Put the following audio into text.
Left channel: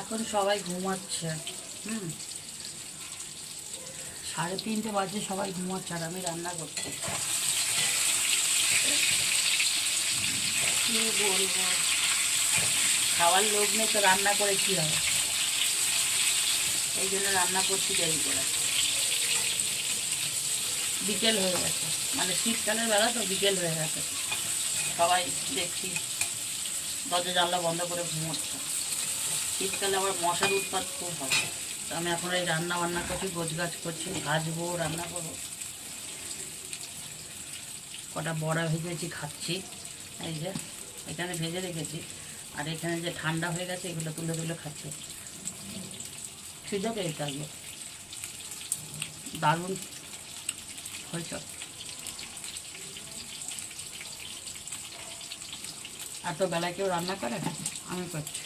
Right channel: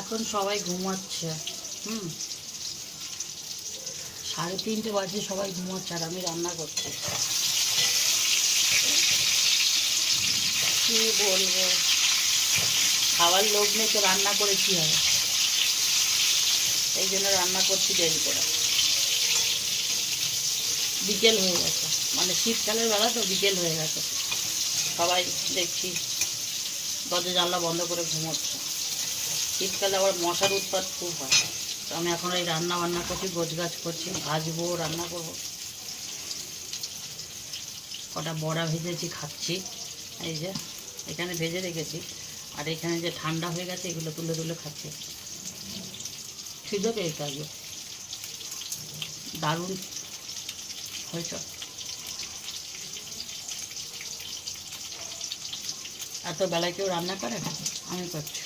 এখন সবাই ঘুমাচ্ছে। 3:30 বাজে, সবাই ঘুমাচ্ছে আর আমি রান্না করছি। কি বলবো, খাওয়ার লোভ নেই তো রান্না করে কী হবে, এই জন্য রান্না করছি দেরি করে। বিকেল হয়ে গেছে, মানে শীতকালের বেলা তো বিকেল হয়ে গেছে, সবাই দেখছি দরজা জানলা বন্ধ করে ঘুমোচ্ছে। শীতকালে আবার মশার উৎপাত খুব হয়। তো আমি এখন এই রান্না বান্না করছি, গোছগাছ করছি, ভাজবো, রান্না করবো। কটা বড়া ভেজেছি, খাচ্ছি। এই যে এখানে ভেজে রেখেছি, আর এখানে যে ঠান্ডা হয়ে গেছে এগুলো তুলে তুলে খাচ্ছি। খিদে পেয়ে থাকবে, দারুণ হয়েছে। এত বেলায় কেউ রান্না করে? আমি করছি।